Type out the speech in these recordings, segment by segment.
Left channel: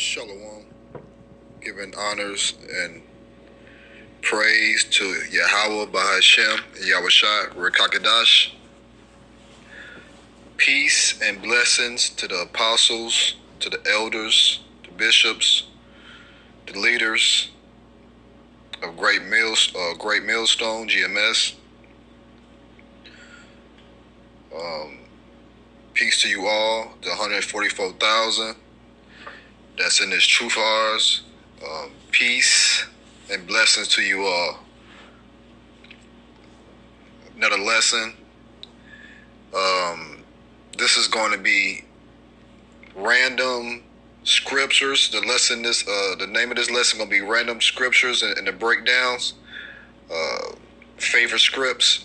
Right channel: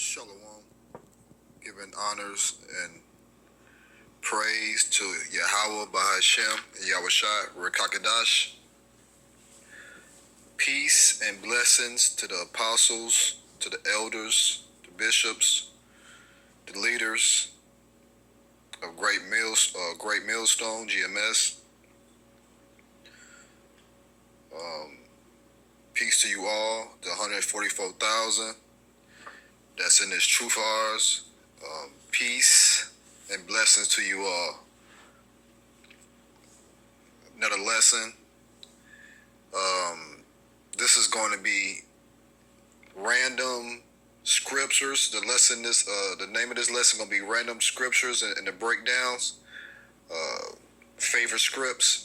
Shalom, giving honors and praise to Yahweh Bahashem, Yahushua Rekakadash. Peace and blessings to the apostles, to the elders, the bishops, the leaders of Great Millstone, GMS. Peace to you all, the 144,000 that's in this truth of ours. Peace and blessings to you all. Another lesson. This is going to be random scriptures. The name of this lesson going to be random scriptures and the breakdowns. Favorite scripts.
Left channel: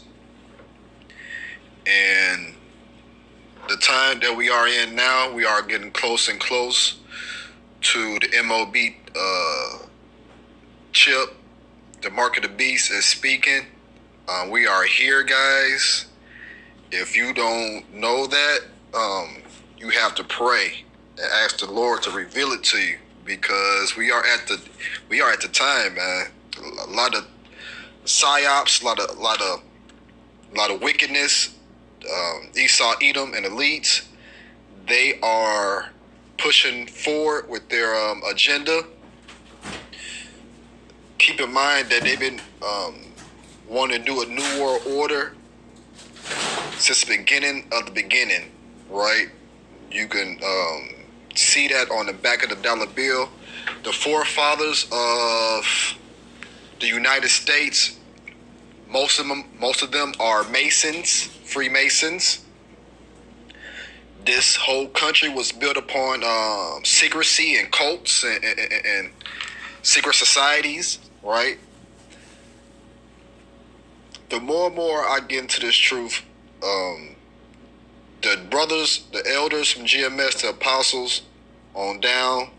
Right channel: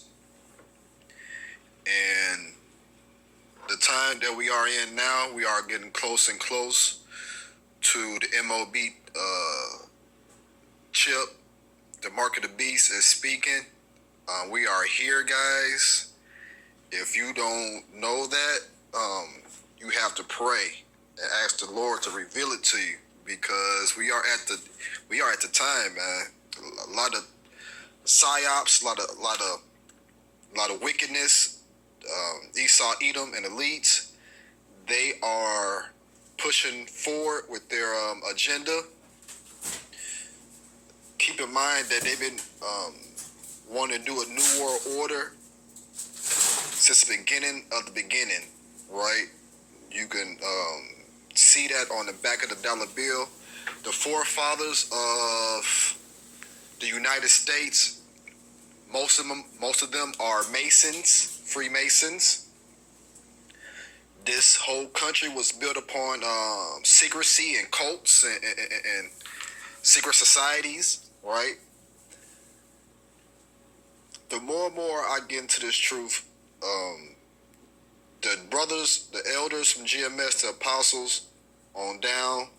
And the time that we are in now, we are getting close and close to the MOB chip. The Mark of the Beast is speaking. We are here, guys. If you don't know that, you have to pray and ask the Lord to reveal it to you, because we are at the time, man. A lot of psyops, a lot of wickedness. Esau, Edom, and elites, they are pushing forward with their agenda. Keep in mind that they've been wanting to do a new world order since the beginning of the beginning, right? You can see that on the back of the dollar bill. The forefathers of the United States, most of them are Masons, Freemasons. This whole country was built upon secrecy and cults and secret societies, right? The more and more I get into this truth, the brothers, the elders from GMS, the apostles on down,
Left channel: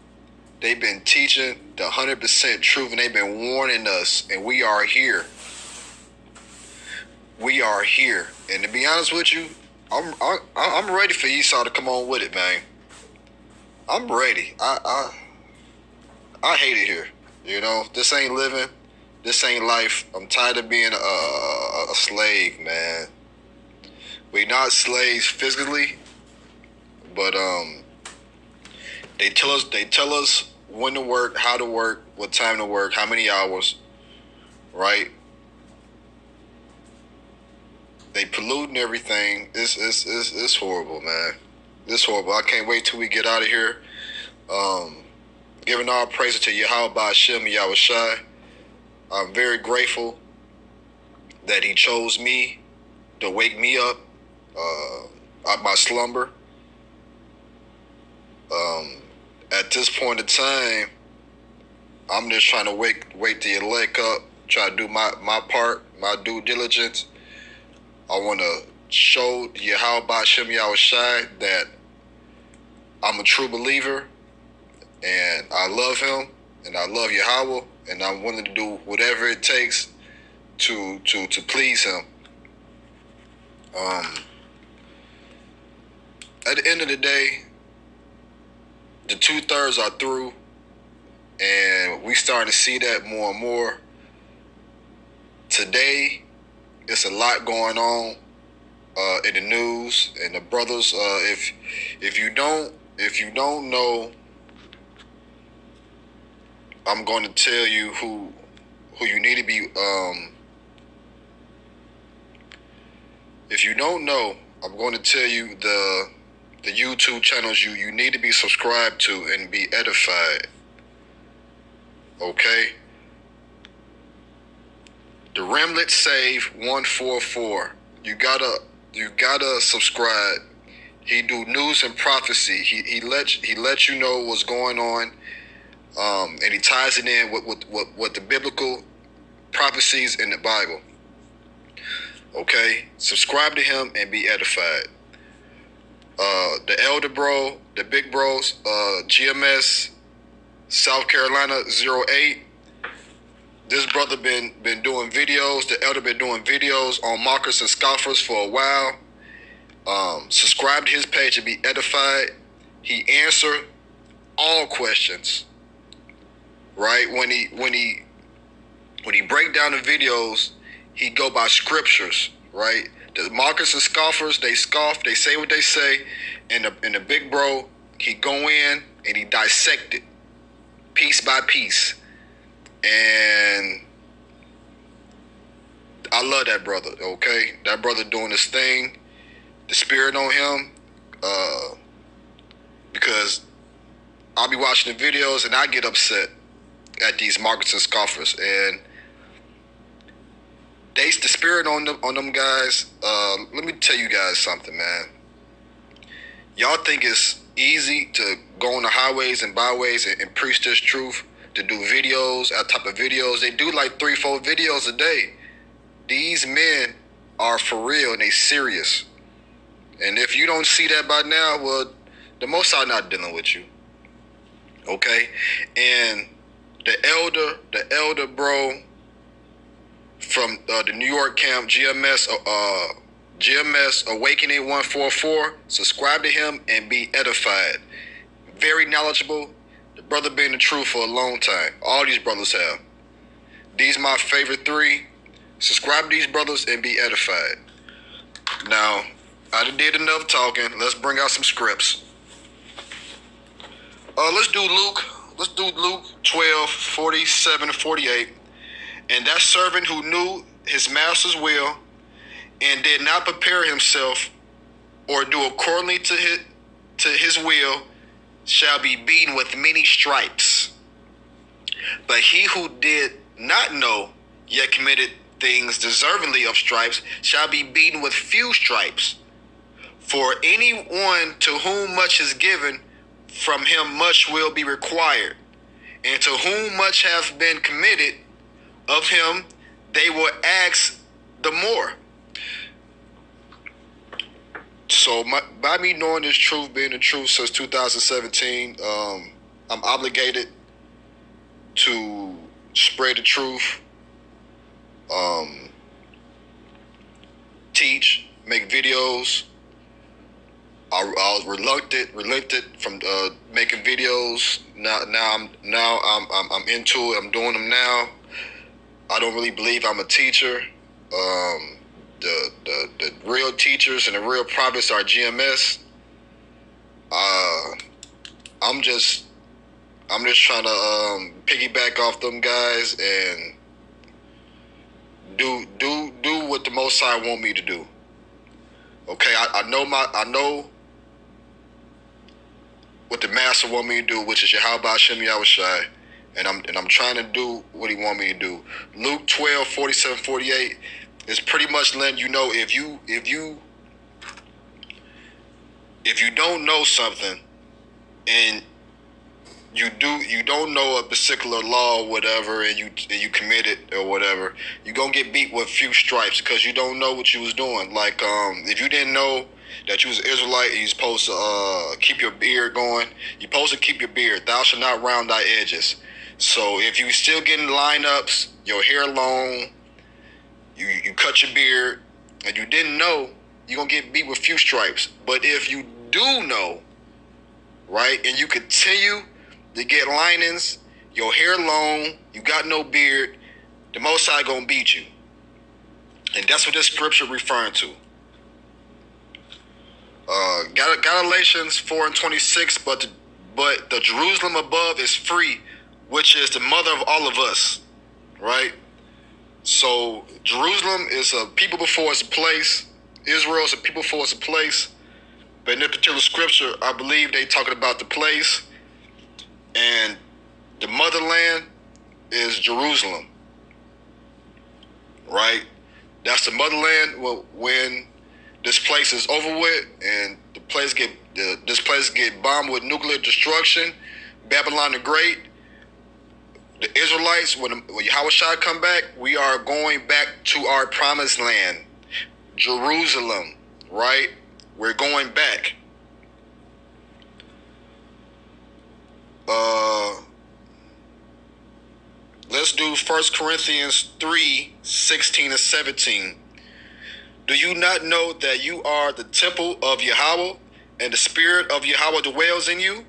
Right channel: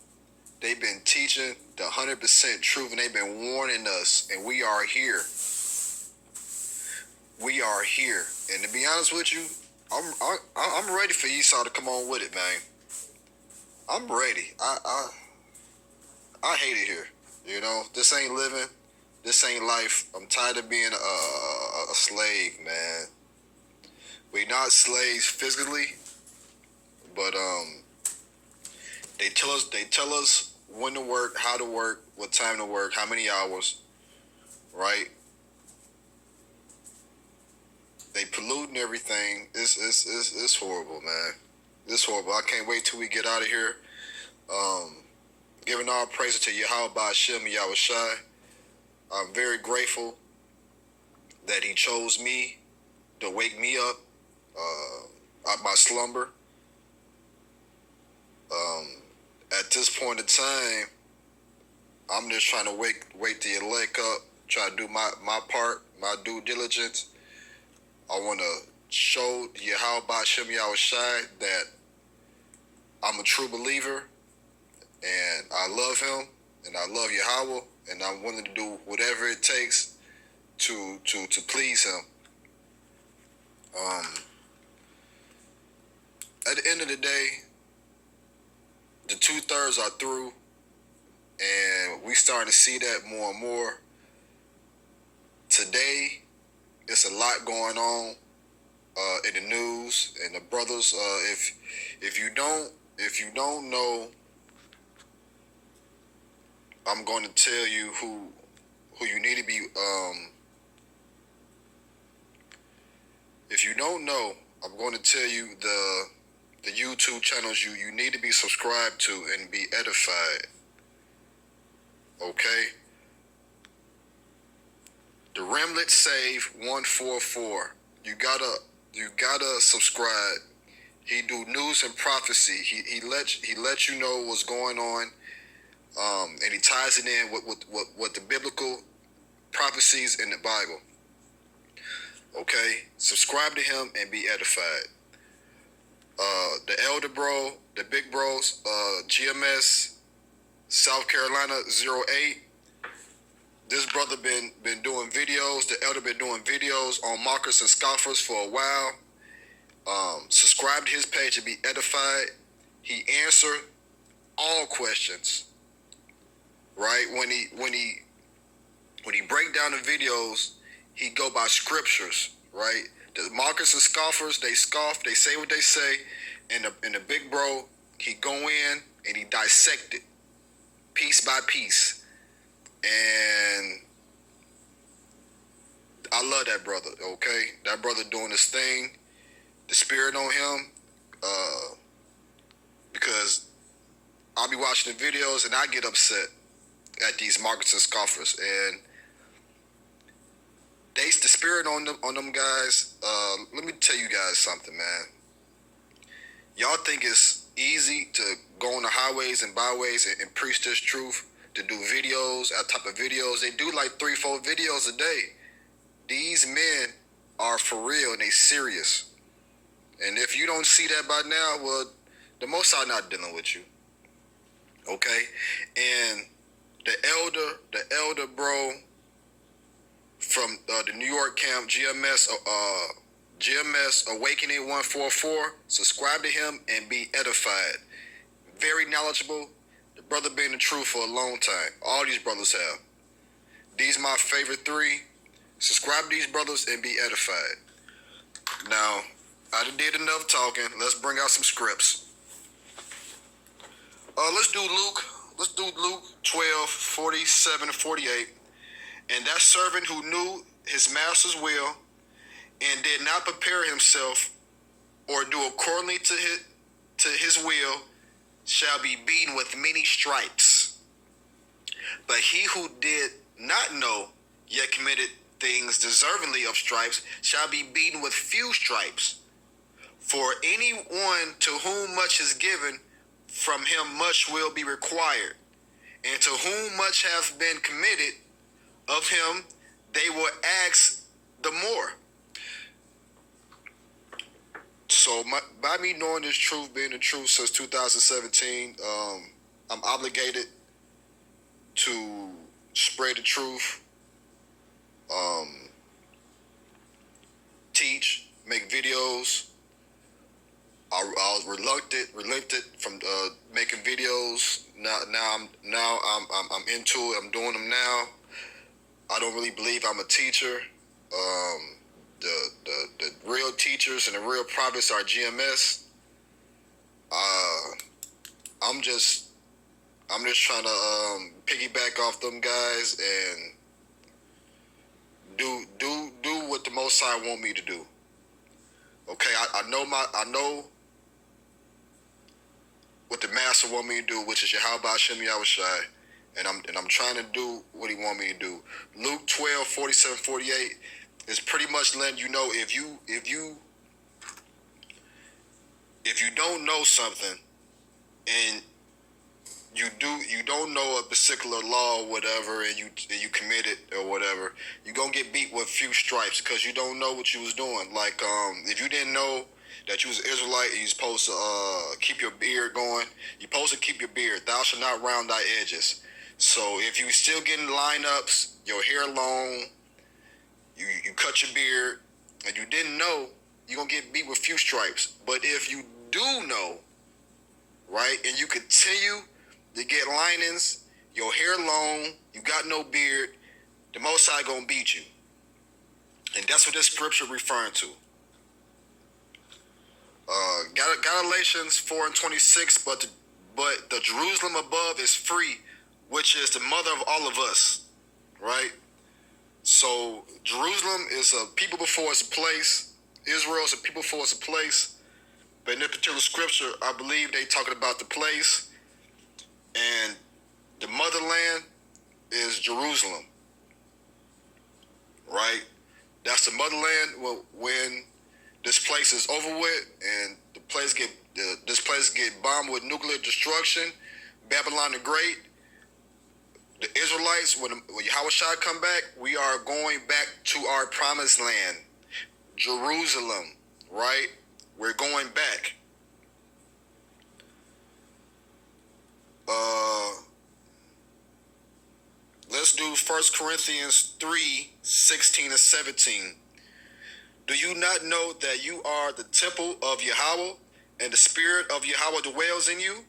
they've been teaching the 100% truth, and they've been warning us, and we are here. We are here. And to be honest with you, I'm ready for Esau to come on with it, man. I'm ready. I hate it here. You know, this ain't living. This ain't life. I'm tired of being a slave, man. We're not slaves physically, but they tell us when to work, how to work, what time to work, how many hours, right? They polluting everything. It's horrible, man. It's horrible. I can't wait till we get out of here. Giving all praise to Yahweh Bahashem Yahushua. I'm very grateful that he chose me to wake me up out my slumber. At this point in time, I'm just trying to wake the elect up, try to do my part, my due diligence. I want to show Yahweh Bahashem Yahushua that I'm a true believer, and I love him, and I love Yahweh, and I'm willing to do whatever it takes to please him. At the end of the day, the 2/3 are through, and we starting to see that more and more. Today, it's a lot going on in the news, and the brothers. If you don't know, I'm going to tell you who you need to be. If you don't know, I'm going to tell you the YouTube channels you need to be subscribed to and be edified. Okay. The Remnant Save 144. You gotta subscribe. He do news and prophecy. He let you know what's going on, and he ties it in with the biblical prophecies in the Bible. Okay, subscribe to him and be edified. The elder bro, the big bros, GMS South Carolina 08. This brother been doing videos. The elder been doing videos on mockers and scoffers for a while. Subscribe to his page and be edified. He answered all questions. Right? When he break down the videos, he go by scriptures, right? The mockers and scoffers, they scoff, they say what they say, and the big bro, he go in and he dissect it piece by piece. And I love that brother, okay? That brother doing his thing, the spirit on him, because I'll be watching the videos and I get upset at these mockers and scoffers, and the spirit on them guys. Let me tell you guys something, man. Y'all think it's easy to go on the highways and byways and preach this truth, to do videos, that type of videos. They do like 3-4 videos a day. These men are for real and they serious. And if you don't see that by now, well, the Most High not dealing with you. Okay? And the elder bro from the New York camp, GMS Awakening 144, subscribe to him and be edified. Very knowledgeable. The brother been in the truth for a long time. All these brothers have. These my favorite 3. Subscribe to these brothers and be edified. Now, I done did enough talking. Let's bring out some scripts. Let's do Luke 12, 47 to 48. And that servant who knew his master's will and did not prepare himself or do accordingly to his will shall be beaten with many stripes. But he who did not know, yet committed things deservingly of stripes, shall be beaten with few stripes. For anyone to whom much is given, from him much will be required. And to whom much hath been committed, of him they will ask the more. So by me knowing this truth, being the truth since 2017, I'm obligated to spread the truth, teach, make videos. I was reluctant from making videos. Now I'm into it. I'm doing them now. I don't really believe I'm a teacher. The real teachers and the real prophets are GMS. I'm just trying to piggyback off them guys and do what the Most High want me to do. Okay, I know what the Master want me to do, which is Yahweh Hashem Yahushai, and I'm trying to do what he want me to do. Luke 12, 47, 48 is pretty much letting you know if you don't know something and you don't know a particular law or whatever, and you commit it or whatever, you're gonna get beat with few stripes because you don't know what you was doing. Like if you didn't know that you was an Israelite and you're supposed to keep your beard going, you're supposed to keep your beard. Thou shalt not round thy edges. So if you still getting lineups, your hair long, you cut your beard, and you didn't know, you're gonna get beat with few stripes. But if you do know, right, and you continue to get linings, your hair long, you got no beard, the Most High gonna beat you. And that's what this scripture referring to. Galatians 4 and 26, but the Jerusalem above is free, which is the mother of all of us, right? So Jerusalem is a people before it's a place. Israel is a people before it's a place. But in this particular scripture, I believe they talking about the place, and the motherland is Jerusalem, right? That's the motherland when this place is over with and this place get bombed with nuclear destruction. Babylon the Great, the Israelites, when Yahushua come back, we are going back to our promised land, Jerusalem, right? We're going back. Let's do 1 Corinthians 3, 16 and 17. Do you not know that you are the temple of Yahweh, and the Spirit of Yahweh dwells in you?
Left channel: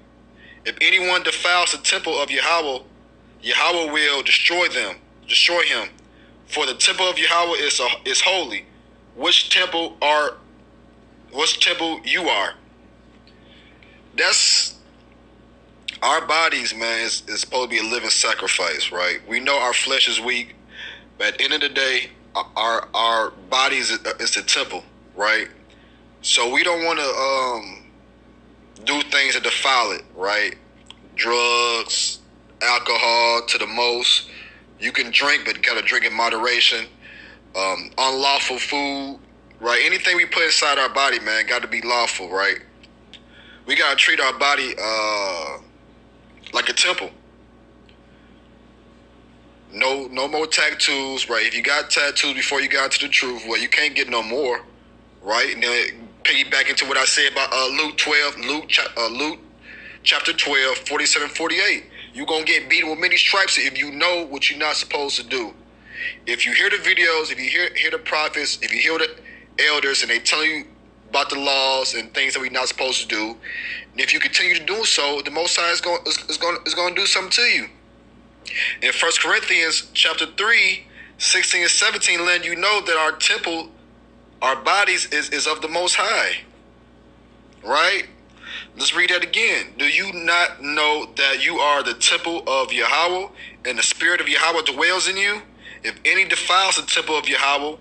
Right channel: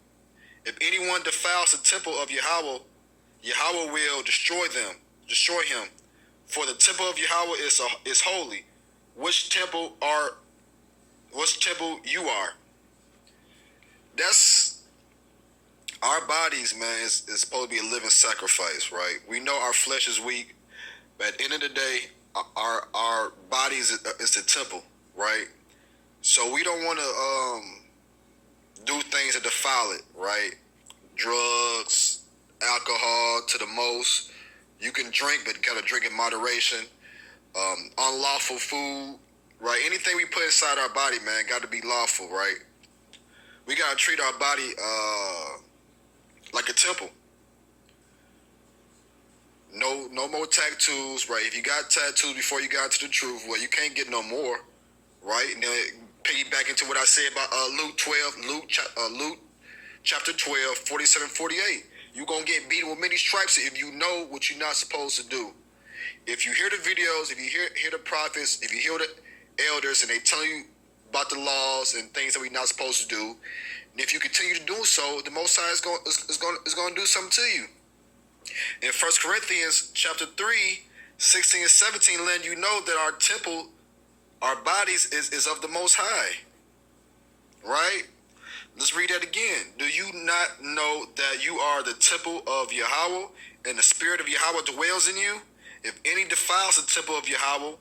If anyone defiles the temple of Yahweh, Yahweh will destroy him. For the temple of Yahweh is holy. Which temple you are? That's our bodies, man, is supposed to be a living sacrifice, right? We know our flesh is weak, but at the end of the day, our bodies is the temple, right? So we don't want to do things that defile it, right? Drugs, alcohol to the most. You can drink, but you gotta drink in moderation. Unlawful food, right? Anything we put inside our body, man, got to be lawful, right? We gotta treat our body like a temple. No more tattoos, right? If you got tattoos before you got into the truth, well, you can't get no more, right? And then piggyback into what I said about Luke chapter 12, 47, 48. You're going to get beaten with many stripes if you know what you're not supposed to do. If you hear the videos, if you hear the prophets, if you hear the elders and they tell you about the laws and things that we're not supposed to do, and if you continue to do so, the Most High is going to do something to you. In 1 Corinthians chapter 3, 16 and 17, letting you know that our temple, our bodies is of the Most High, right? Let's read that again. Do you not know that you are the temple of Yahweh, and the Spirit of Yahweh dwells in you? If any defiles the temple of Yahweh,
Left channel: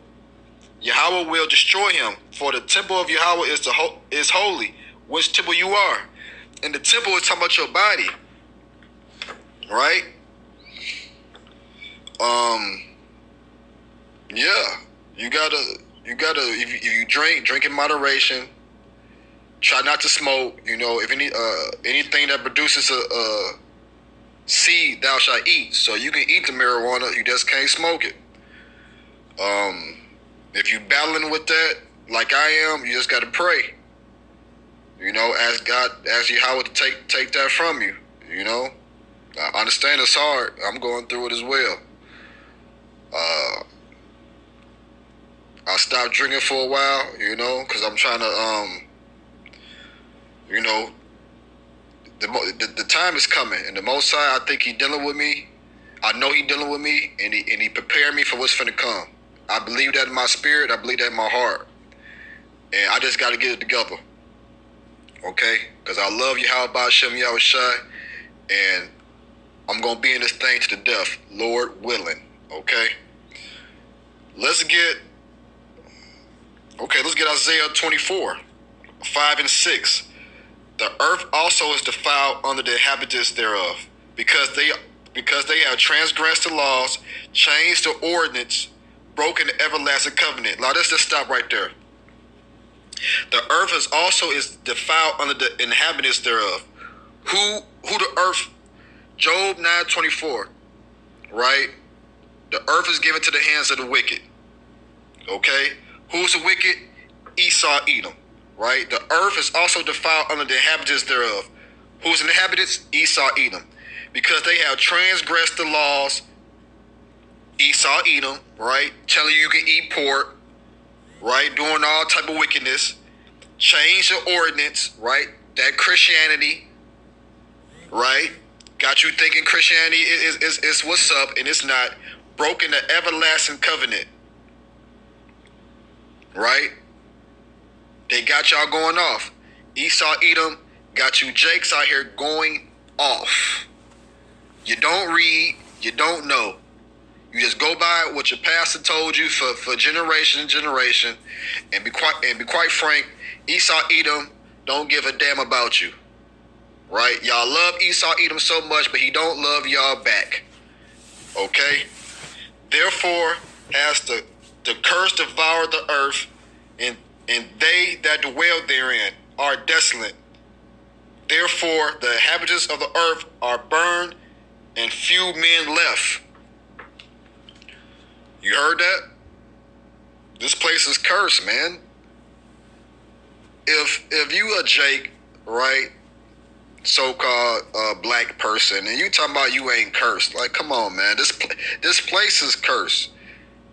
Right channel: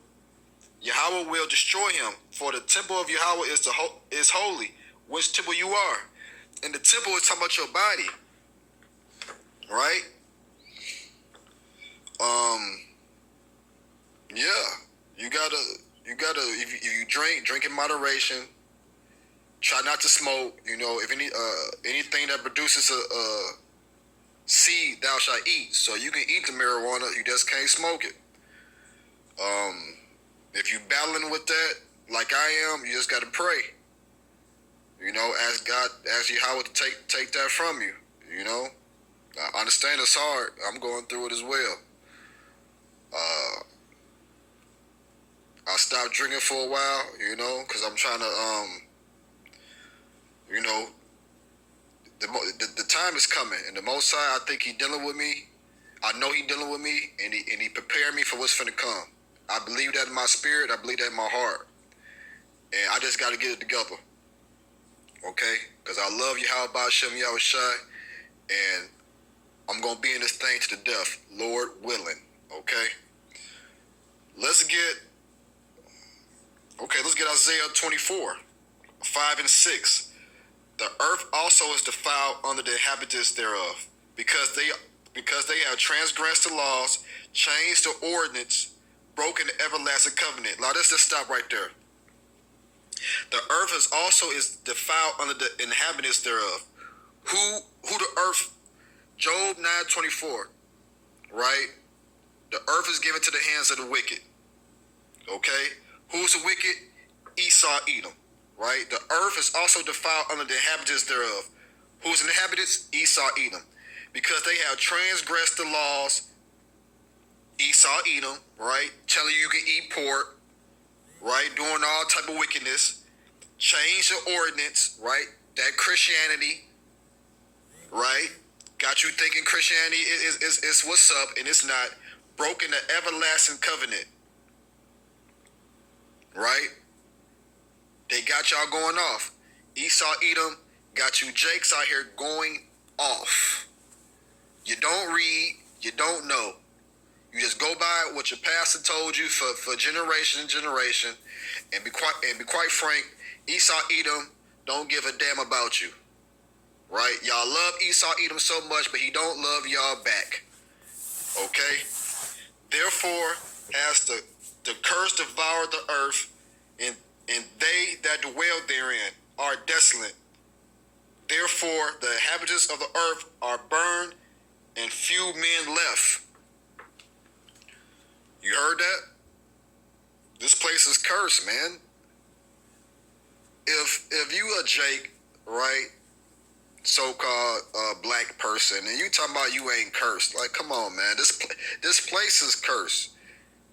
Yahweh will destroy him. For the temple of Yahweh is holy, which temple you are. And the temple is talking about your body, right? Yeah, you gotta. If you drink in moderation. Try not to smoke. You know, if anything that produces a seed, thou shalt eat. So you can eat the marijuana, you just can't smoke it. If you battling with that, like I am, you just gotta pray. You know, ask Yahweh to take that from you. You know, I understand it's hard. I'm going through it as well. I stopped drinking for a while, you know, because I'm trying to you know, the time is coming, and the Most High, I think He dealing with me. I know He dealing with me, and He prepared me for what's finna come. I believe that in my spirit. I believe that in my heart, and I just got to get it together, okay? Because I love Yahweh Ba'Shem Yahushai, and I'm gonna be in this thing to the death, Lord willing, okay? Let's get Isaiah 24, 5 and 6. The earth also is defiled under the inhabitants thereof, because they have transgressed the laws, changed the ordinance, broken the everlasting covenant. Now let's just stop right there. The earth is defiled under the inhabitants thereof. Who the earth? Job 9:24, right? The earth is given to the hands of the wicked. Okay? Who's the wicked? Esau, Edom. Right? The earth is also defiled under the inhabitants thereof. Who's the inhabitants? Esau, Edom. Because they have transgressed the laws. Esau, Edom, right? Telling you can eat pork, right? Doing all type of wickedness. Change the ordinance, right? That Christianity, right? Got you thinking Christianity is what's up, and it's not. Broken the everlasting covenant, right? They got y'all going off. Esau, Edom, got you Jakes out here going off. You don't read, you don't know. You just go by what your pastor told you for generation and generation, and be quite frank, Esau, Edom don't give a damn about you, right? Y'all love Esau, Edom so much, but he don't love y'all back. Okay. Therefore, has the curse devoured the earth, and they that dwell therein are desolate. Therefore, the inhabitants of the earth are burned, and few men left. You heard that? This place is cursed, man. If you a Jake, right, so-called black person, and you talking about you ain't cursed, like, come on, man. This place is cursed.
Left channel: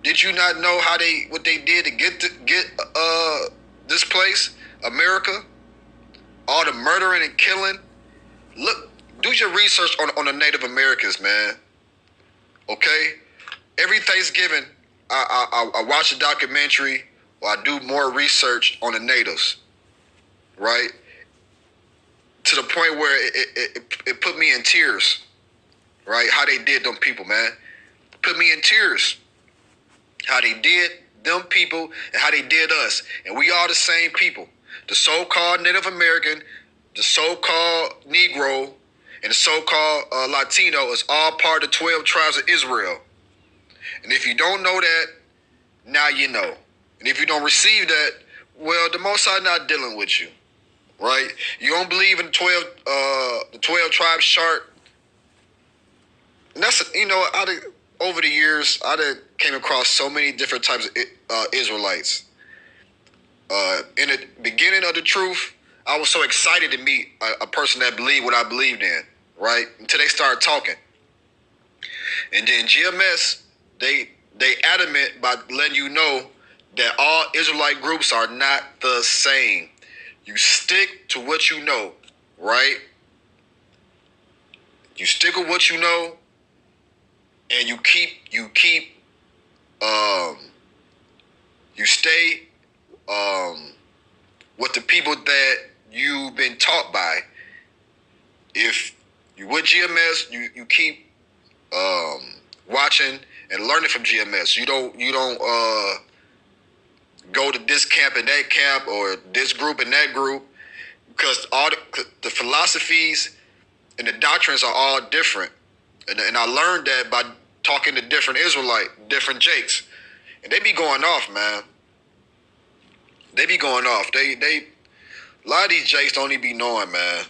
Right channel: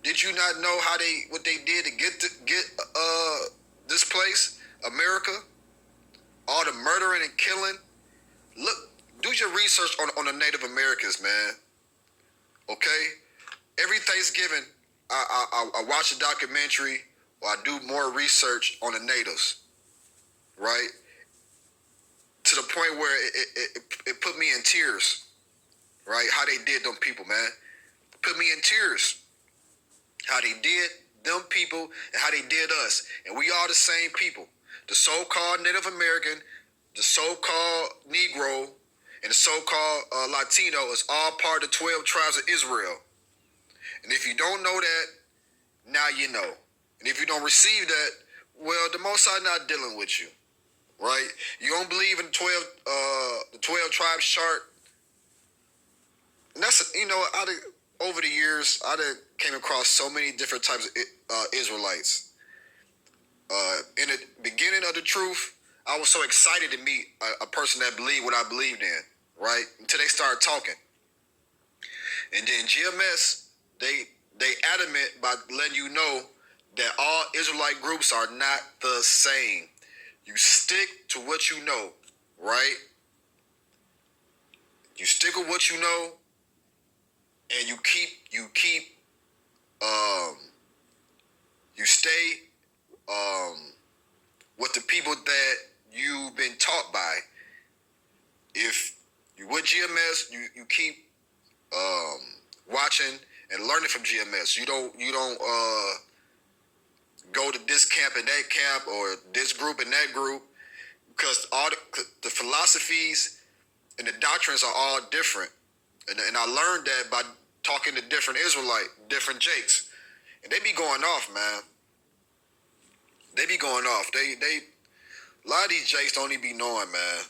Did you not know what they did to get this place, America? All the murdering and killing. Look do your research on the Native Americans, man. Okay? Every Thanksgiving, I watch a documentary or I do more research on the natives, right? To the point where it put me in tears, right? How they did them people, man. Put me in tears. How they did them people and how they did us. And we are the same people. The so-called Native American, the so-called Negro, and the so-called Latino is all part of the 12 tribes of Israel. And if you don't know that, now you know. And if you don't receive that, well, the Most High not dealing with you, right? You don't believe in the 12 tribes chart. And that's, over the years, I came across so many different types of Israelites. In the beginning of the truth, I was so excited to meet a person that believed what I believed in, right? Until they started talking. And then GMS, they adamant by letting you know that all Israelite groups are not the same. You stick to what you know, right? You stick with what you know, and you stay with the people that you've been taught by. If you with GMS, you keep watching and learning from GMS. You don't go to this camp and that camp or this group and that group, because all the philosophies and the doctrines are all different. And I learned that by talking to different different Jakes. And they be going off, man. They be going off. They a lot of these Jakes don't even be knowing, man.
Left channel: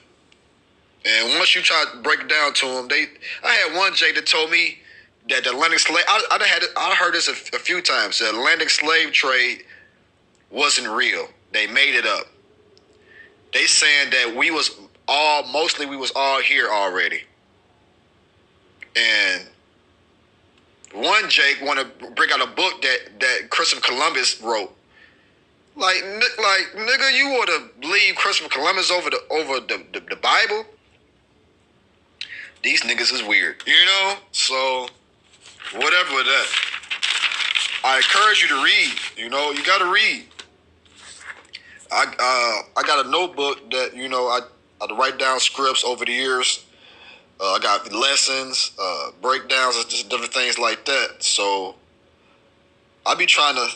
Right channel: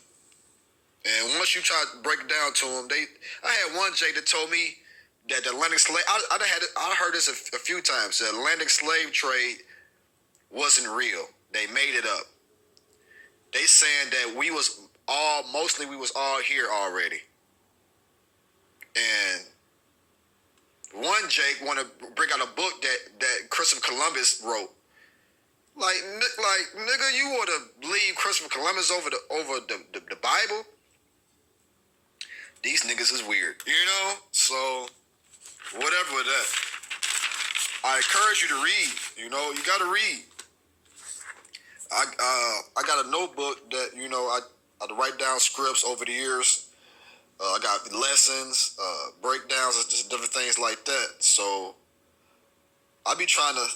And once you try to break it down to them, I had one Jake that told me that the Atlantic slave, I heard this a few times, the Atlantic slave trade wasn't real. They made it up. They saying that we was all here already. And one Jake want to bring out a book that Christopher Columbus wrote. Like nigga, you would have believed Christopher Columbus over the Bible? These niggas is weird, So whatever with that. I encourage you to read. You gotta read. I got a notebook that I write down scripts over the years. I got lessons, breakdowns, and just different things like that. So I be trying to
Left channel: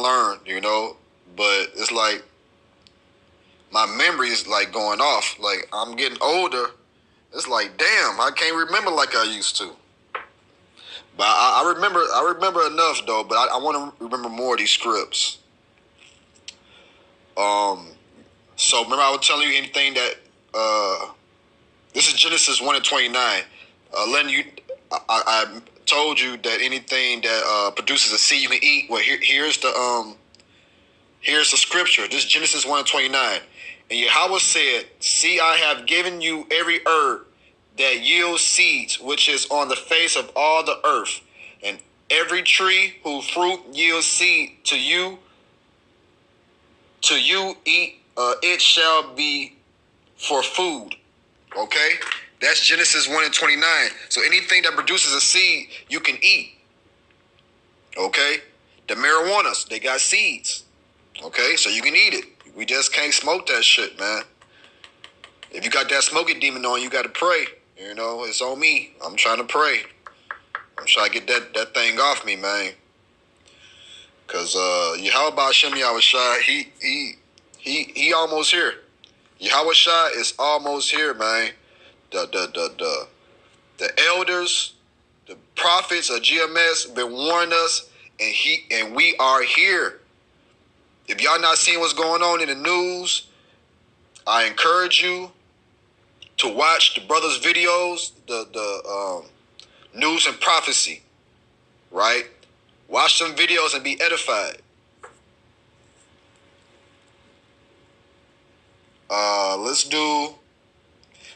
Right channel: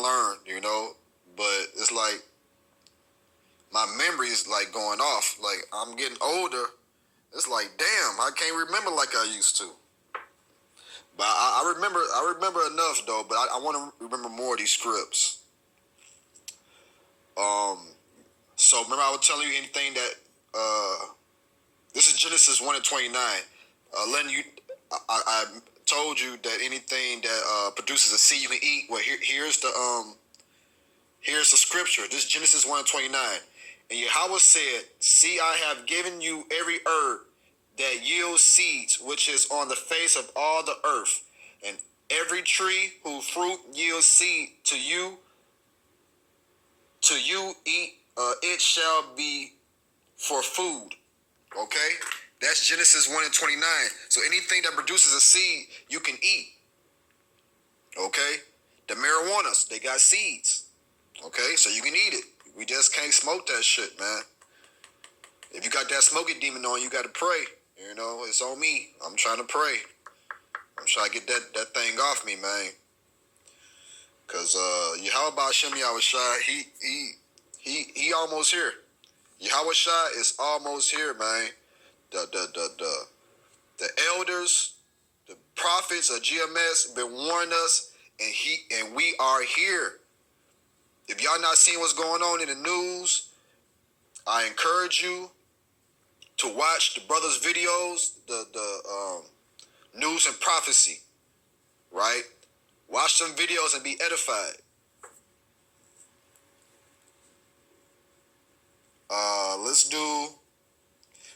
learn, but it's like my memory is like going off. Like I'm getting older. It's like, damn, I can't remember like I used to. But I remember enough though. But I want to remember more of these scripts. So remember I was telling you anything that this is Genesis 1:29. Letting you, I told you that anything that produces a seed you can eat. Well, here's the scripture. This is Genesis 1:29. And Yahweh said, "See, I have given you every herb that yields seeds, which is on the face of all the earth, and every tree whose fruit yields seed to you eat, it shall be for food." Okay? That's Genesis 1:29. So anything that produces a seed, you can eat. Okay? The marijuanas, they got seeds. Okay? So you can eat it. We just can't smoke that shit, man. If you got that smoking demon on, you got to pray. It's on me. I'm trying to pray. I'm trying to get that thing off me, man. Because Yahweh Hashem Yahweh Shai, he almost here. Yahweh Shai is almost here, man. The elders, the prophets of GMS been warning us, and we are here. If y'all not seeing what's going on in the news, I encourage you to watch the brothers' videos, the news and prophecy, right? Watch some videos and be edified. Let's do.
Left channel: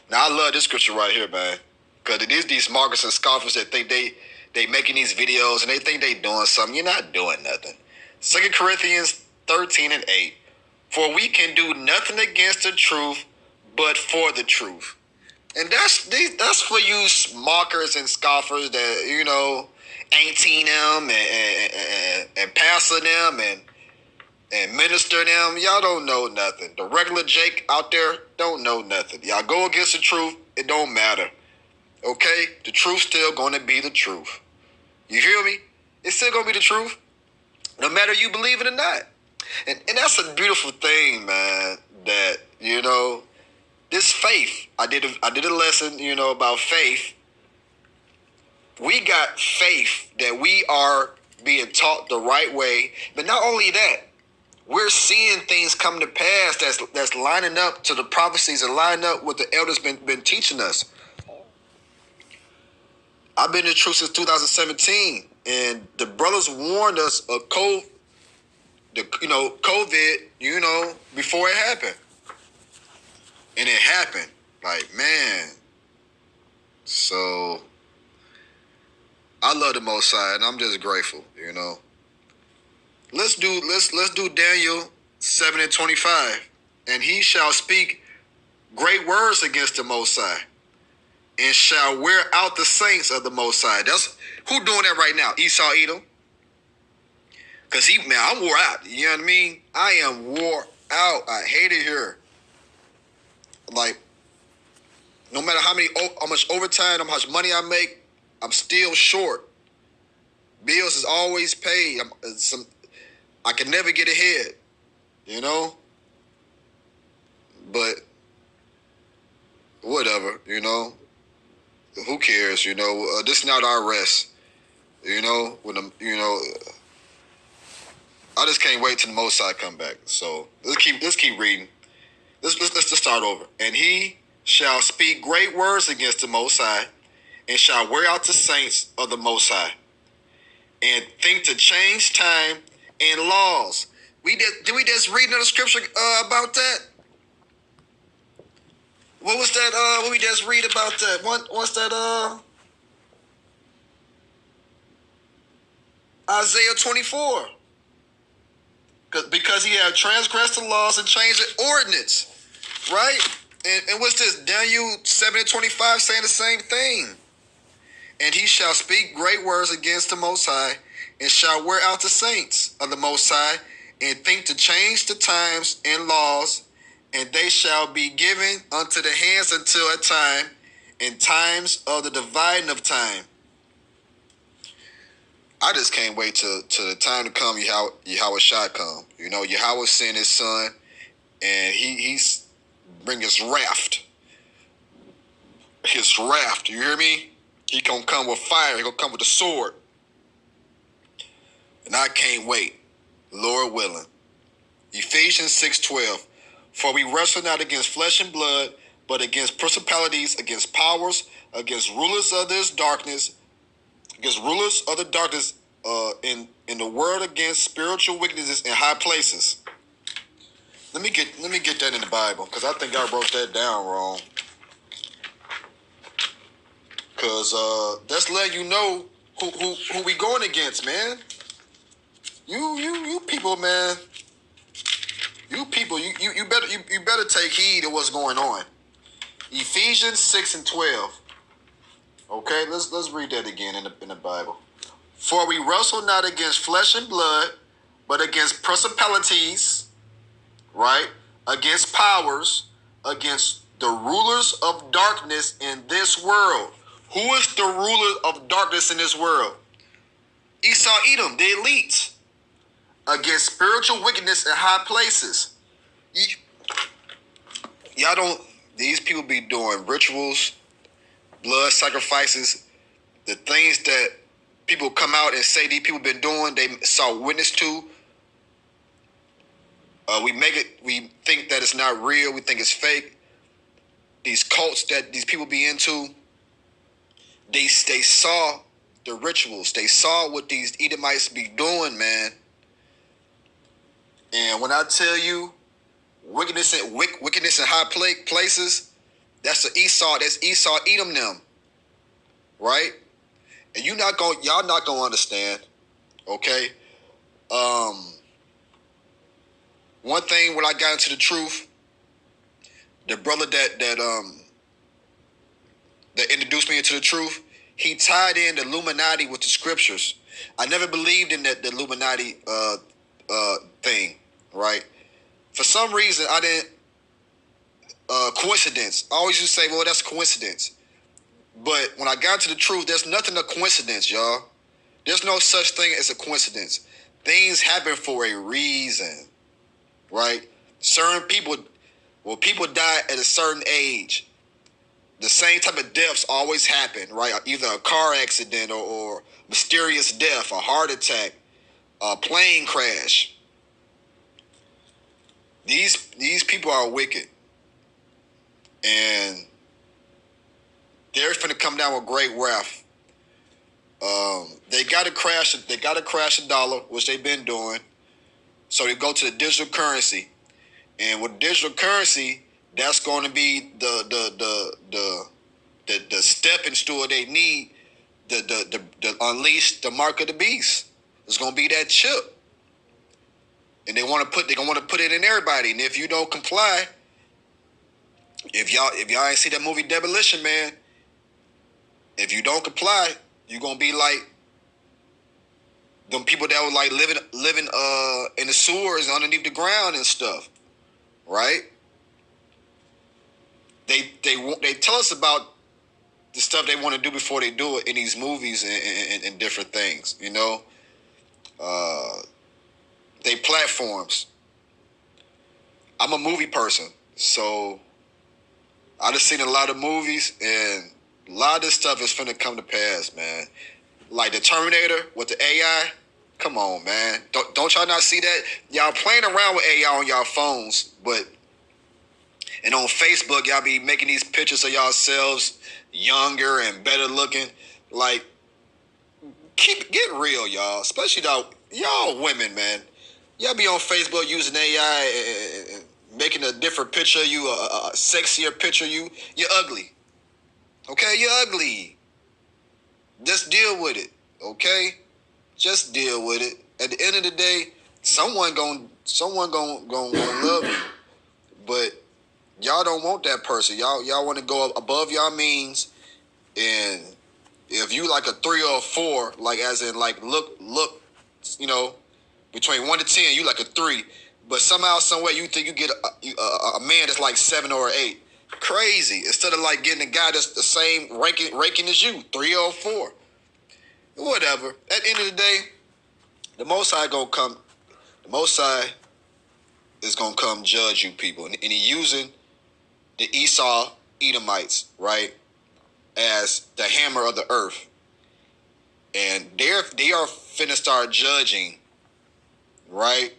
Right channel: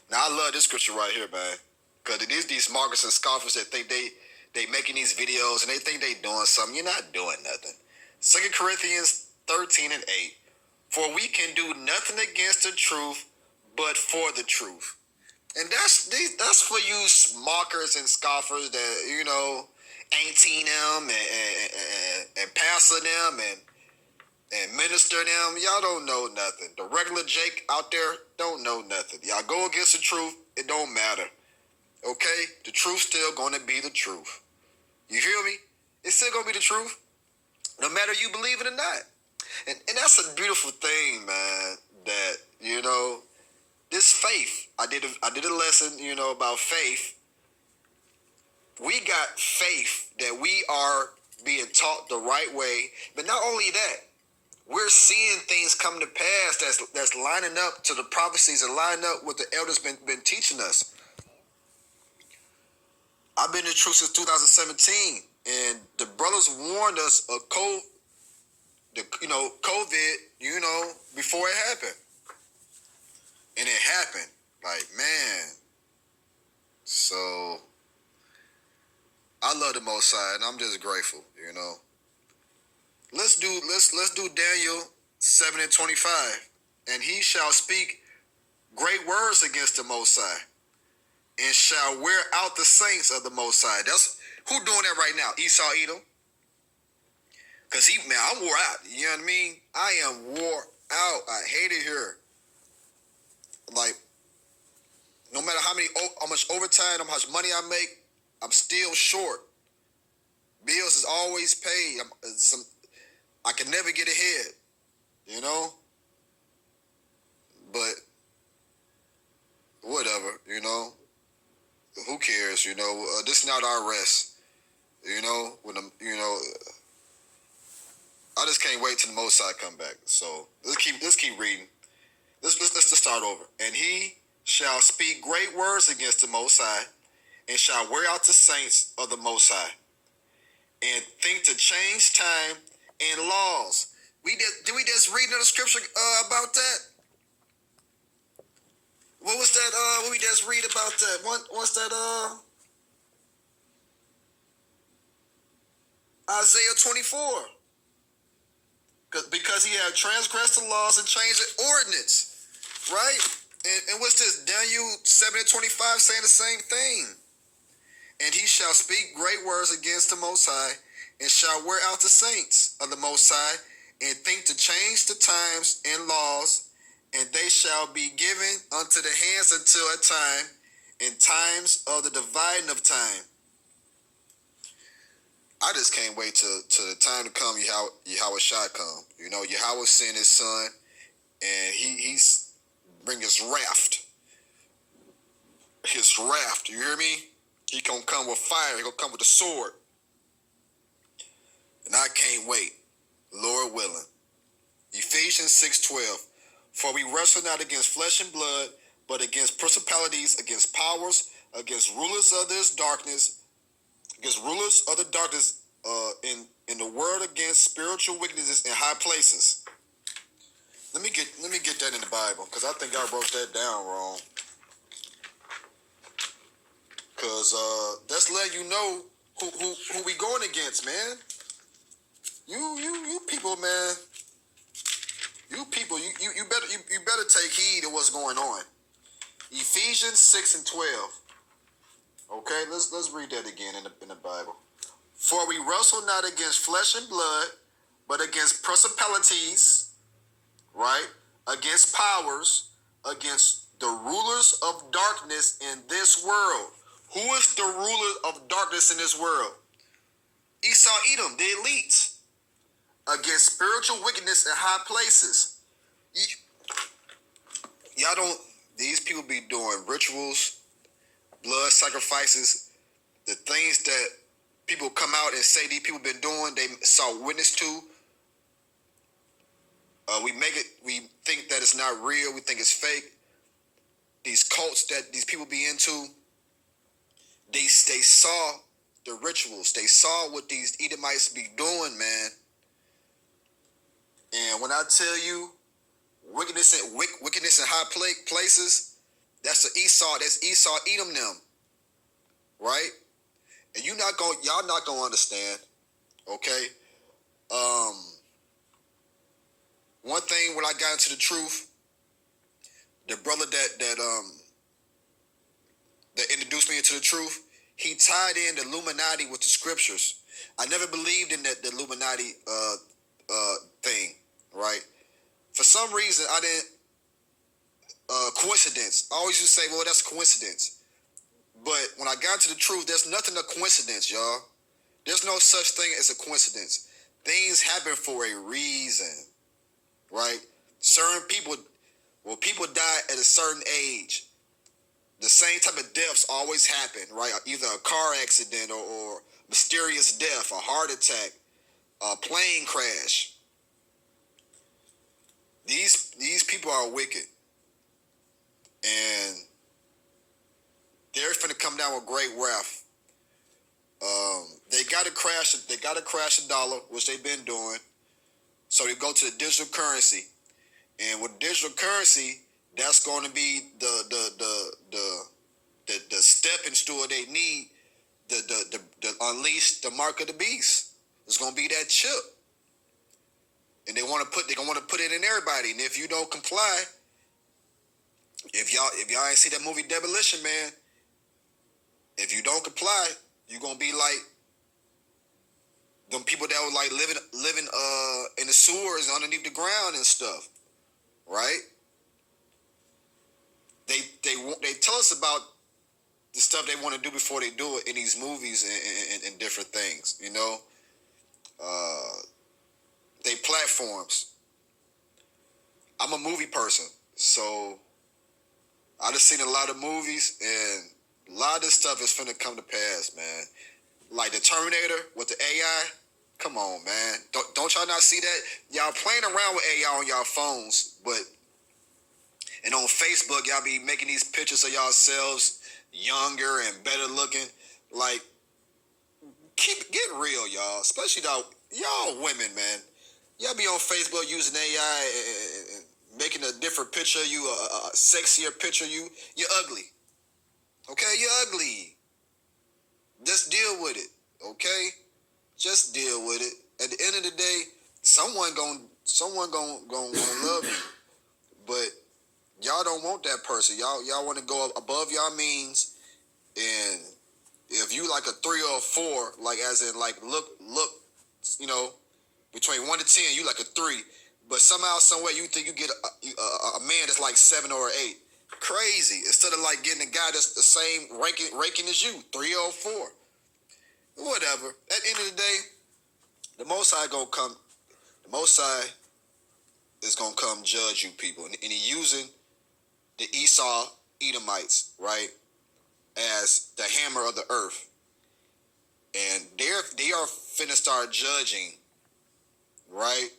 Now I love this scripture right here, man, because it is these mockers and scoffers that think they making these videos and they think they doing something. You're not doing nothing. 2 Corinthians 13:8. For we can do nothing against the truth, but for the truth. And that's for you mockers and scoffers that, ain't seen them and pastor them and minister them. Y'all don't know nothing. The regular Jake out there don't know nothing. Y'all go against the truth, it don't matter. Okay? The truth's still gonna be the truth. You hear me? It's still gonna be the truth, no matter you believe it or not. And that's a beautiful thing, man, that, this faith. I did a lesson, about faith. We got faith that we are being taught the right way. But not only that, we're seeing things come to pass that's lining up to the prophecies and lining up what the elders been teaching us. I've been in the truth since 2017, and the brothers warned us of COVID, before it happened. And it happened. Like, man. So I love the Most High, and I'm just grateful, Let's do Daniel 7:25. And he shall speak great words against the Most High, and shall wear out the saints of the Most High. That's who doing that right now? Esau Edom. Because I'm wore out. You know what I mean? I am wore out. I hate it here. Like, no matter how much overtime, how much money I make, I'm still short. Bills is always paid. I can never get ahead, But whatever, Who cares, This is not our rest, When I just can't wait till the Most High come back. So let's keep reading. Let's just start over. And he shall speak great words against the Most High, and shall wear out the saints of the Most High, and think to change time and laws. Did we just read another scripture about that? What was that? What we just read about that? What's that? Isaiah 24. Because he had transgressed the laws and changed the ordinance, right? And what's this? Daniel 7:25 saying the same thing. And he shall speak great words against the Most High, and shall wear out the saints of the Most High, and think to change the times and laws, and they shall be given unto the hands until a time, and times of the dividing of time. I just can't wait till the time to come. Yahweh shall come. Yahweh sent his son, and he's bring his wrath. His wrath. You hear me? He gonna come with fire. He gonna come with the sword. And I can't wait. Lord willing. Ephesians 6:12. For we wrestle not against flesh and blood, but against principalities, against powers, against rulers of this darkness, in the world, against spiritual wickednesses in high places. Let me get that in the Bible, because I think I wrote that down wrong. Because that's letting you know who we going against, man. You people, man. You people, you better take heed of what's going on. Ephesians 6:12. Okay, let's read that again in the Bible. For we wrestle not against flesh and blood, but against principalities, right? Against powers, against the rulers of darkness in this world. Who is the ruler of darkness in this world? Esau Edom, the elites. Against spiritual wickedness in high places. Y'all don't, these people be doing rituals, blood sacrifices, the things that people come out and say these people been doing, they saw witness to. We think that it's not real, we think it's fake. These cults that these people be into, they saw the rituals, they saw what these Edomites be doing, man. And when I tell you wickedness in high places, that's Esau Edom them, right? And y'all not gonna understand, okay? One thing when I got into the truth, the brother that that introduced me into the truth, he tied in the Illuminati with the scriptures. I never believed in the Illuminati thing, right? For some reason, I didn't. Coincidence. I always used to say, well, that's coincidence. But when I got to the truth, there's nothing a coincidence, y'all. There's no such thing as a coincidence. Things happen for a reason, right? Certain people, well, people die at a certain age. The same type of deaths always happen, right? Either a car accident or mysterious death, a heart attack, a plane crash. These people are wicked. And they're finna come down with great wrath. They gotta crash the dollar, which they've been doing. So they go to the digital currency. And with digital currency, that's going to be the stepping stool they need to unleash the mark of the beast. It's going to be that chip, and they're gonna put it in everybody. And if you don't comply, if y'all ain't see that movie Demolition Man, if you don't comply, you're gonna be like them people that were like living in the sewers underneath the ground and stuff. Right? They tell us about the stuff they want to do before they do it in these movies and different things, you know. They platforms. I'm a movie person, so I just seen a lot of movies, and a lot of this stuff is finna come to pass, man. Like the Terminator with the AI. Come on, man. Don't y'all not see that? Y'all playing around with AI on y'all phones, and on Facebook, y'all be making these pictures of yourselves younger and better looking. Like, get real, y'all. Especially y'all women, man. Y'all be on Facebook using AI and making a different picture of you, a sexier picture of you. You're ugly. Okay, you're ugly. Just deal with it. Okay, just deal with it. At the end of the day, someone gonna love you, but y'all don't want that person. Y'all want to go above y'all means, and if you like a 3 or a 4, like as in like look, you know, between 1 to 10, you like a 3, but somehow, somewhere, you think you get a man that's like 7 or 8. Crazy. Instead of like getting a guy that's the same ranking as you, 3 or 4. Whatever. At the end of the day, the Most High gonna come. The Most High is gonna come judge you people, and he using the Esau Edomites, right, as the hammer of the earth, and they are finna start judging, right?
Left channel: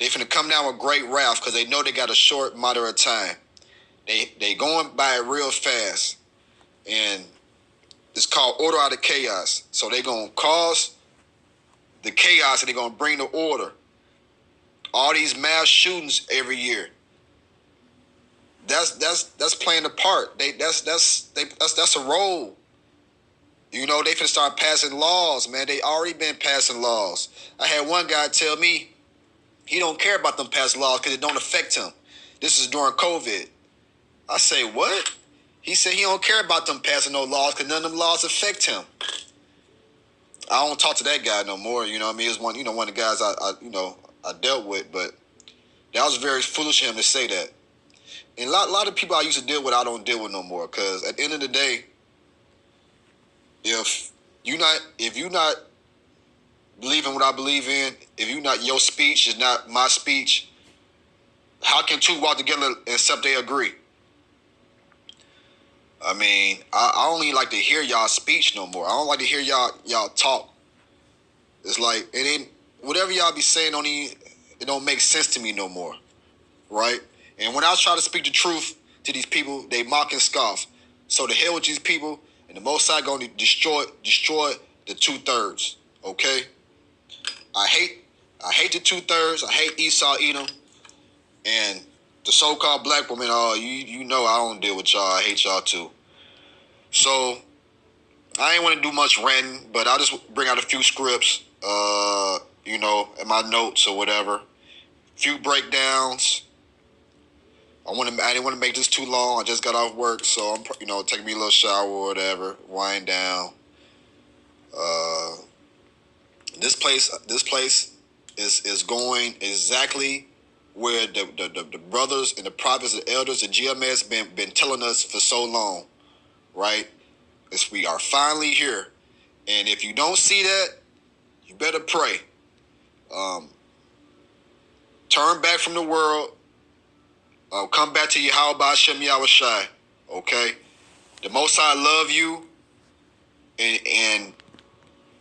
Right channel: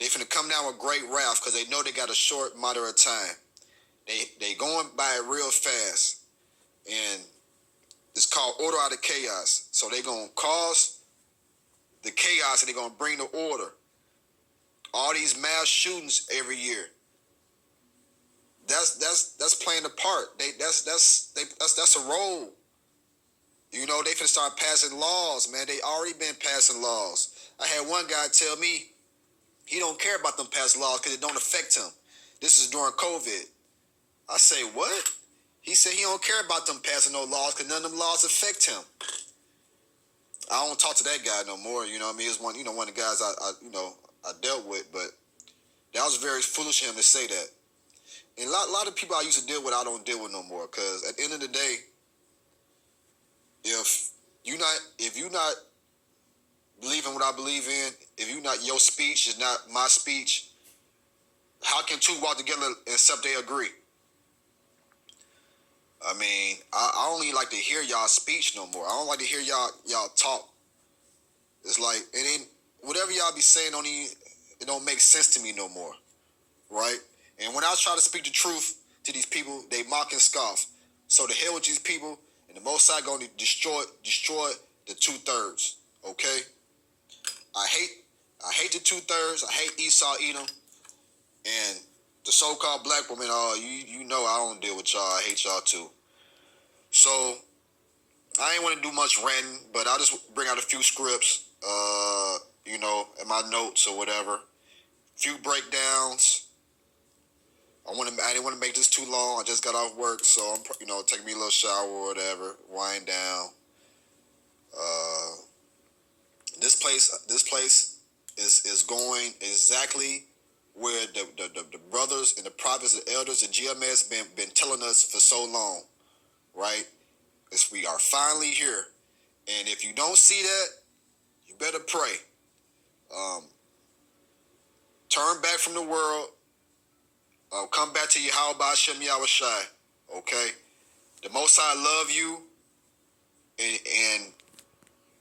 They finna come down with great wrath because they know they got a short matter of time. They going by it real fast, and it's called order out of chaos. So they gonna cause the chaos, and they gonna bring the order. All these mass shootings every year. That's playing a part. That's a role. You know, they finna start passing laws, man. They already been passing laws. I had one guy tell me he don't care about them passing laws because it don't affect him. This is during COVID. I say, what? He said he don't care about them passing no laws because none of them laws affect him. I don't talk to that guy no more. You know what I mean? It was one of the guys I dealt with, but that was very foolish of him to say that. And a lot of people I used to deal with, I don't deal with no more. Because at the end of the day, if you not believing what I believe in, your speech is not my speech, how can two walk together except they agree? I mean, I don't even like to hear y'all speech no more. I don't like to hear y'all talk. It's like, whatever y'all be saying it don't make sense to me no more, right? And when I try to speak the truth to these people, they mock and scoff. So to hell with these people, and the Most High going to destroy the 2/3. Okay, I hate the 2/3. I hate Esau, Edom, and the so-called black woman. You know I don't deal with y'all. I hate y'all too. So I ain't want to do much ranting, but I'll just bring out a few scripts, in my notes or whatever. Few breakdowns. I didn't want to make this too long. I just got off work, so I'm taking me a little shower or whatever, wind down. This place is going exactly where the brothers and the prophets and elders and GMS been telling us for so long, right? We are finally here, and if you don't see that, you better pray. Turn back from the world. Come back to Yahweh Hashem Yahushai. Okay, the Most High love you, and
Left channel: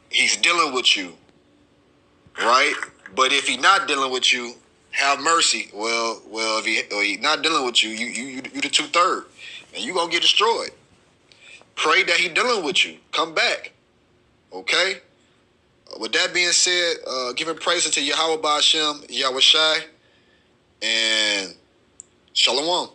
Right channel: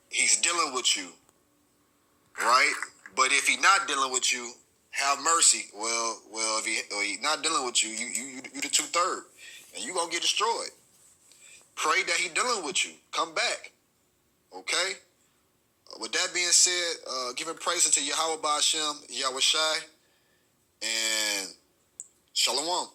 He's dealing with you, right? But if He's not dealing with you, have mercy. Well, if He's not dealing with you, you the 2/3, and you gonna get destroyed. Pray that He dealing with you. Come back, okay? With that being said, giving praise unto Yahweh Hashem Yahushai, and Shalom.